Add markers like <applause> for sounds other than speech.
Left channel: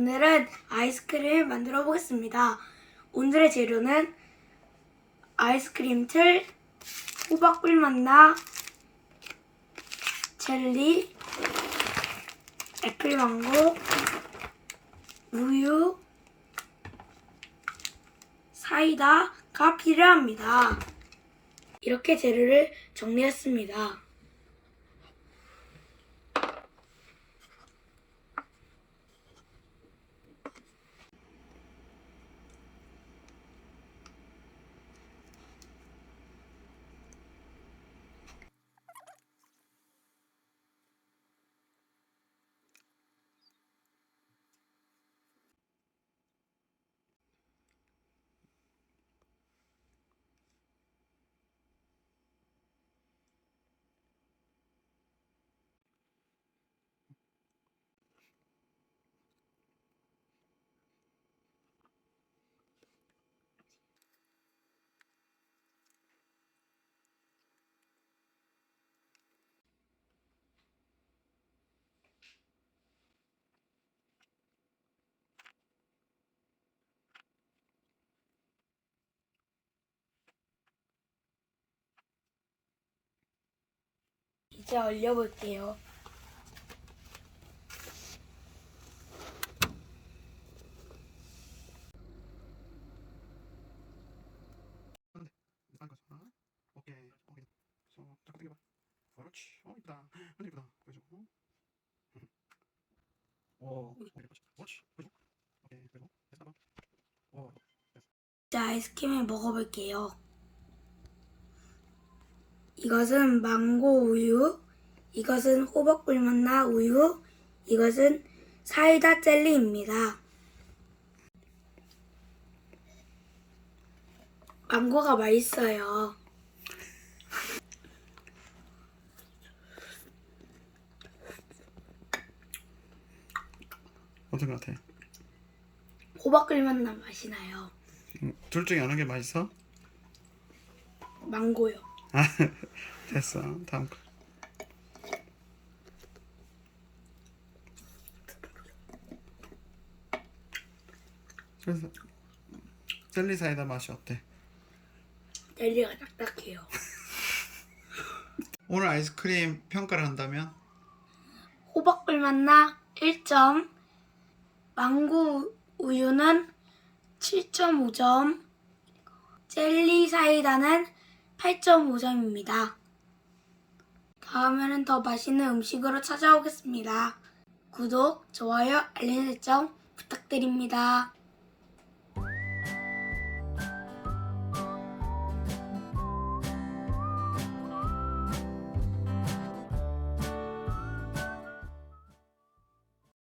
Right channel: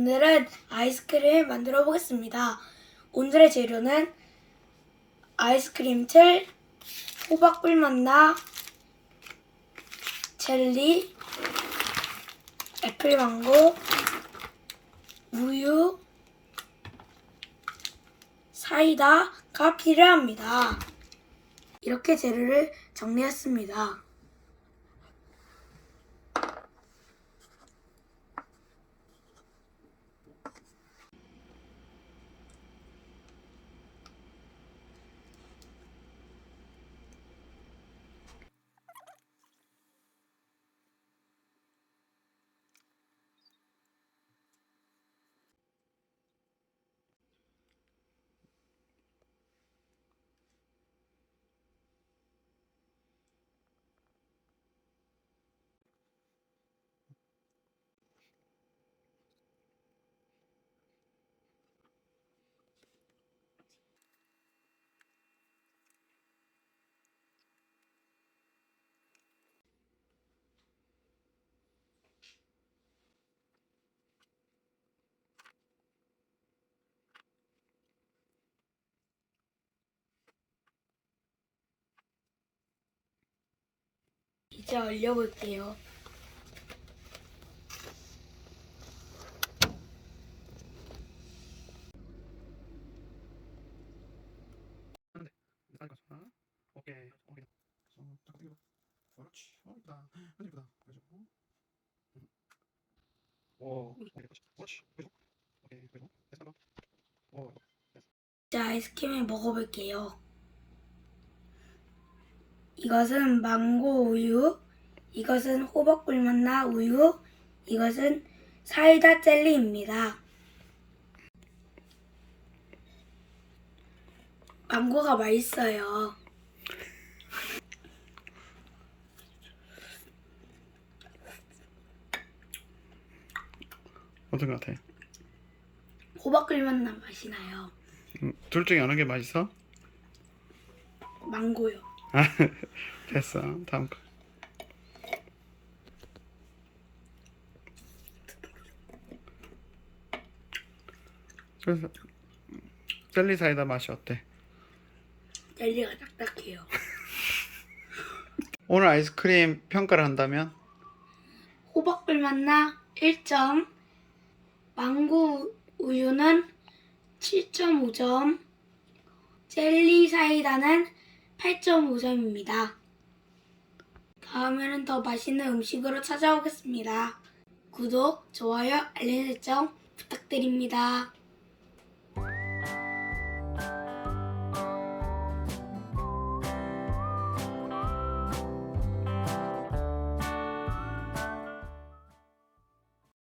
오늘은 아이스크림을 만들어 보겠습니다. 오늘의 재료는 아이스크림 틀, 호박꿀 맛나, 젤리, 애플망고, 우유, 사이다가 필요합니다. 이렇게 재료를 정리했습니다. 이제 오케이 오케이 자 잠깐 당겨봐 그렇지 어 이쁘다 완전 이쁘다 보여줘 어? 응. 오 오케이 그렇지 그렇지 보여줘 오케이 그리고 됐어 봐 오, 이제 아이스크림을 먹어볼게요. 이것은 망고 우유, 이것은 호박 꿀 맛나 우유, 이것은 사이다 젤리입니다. 망고가 맛있어요. 어떤 거 같아? 호박꿀 맛나 맛이 나요. 음, 둘 중에 어느 게 맛있어? 망고요. 아 <laughs> 됐어 다음 거 그래서 젤리 사이다 맛이 어때? 젤리가 딱딱해요. <laughs> 오늘 아이스크림 평가를 한다면 호박꿀 맛나 1점, 망고 우유는 7.5점, 젤리 사이다는 8.5점입니다. 다음에는 더 맛있는 음식으로 찾아오겠습니다. 구독, 좋아요, 알림 설정 부탁드립니다.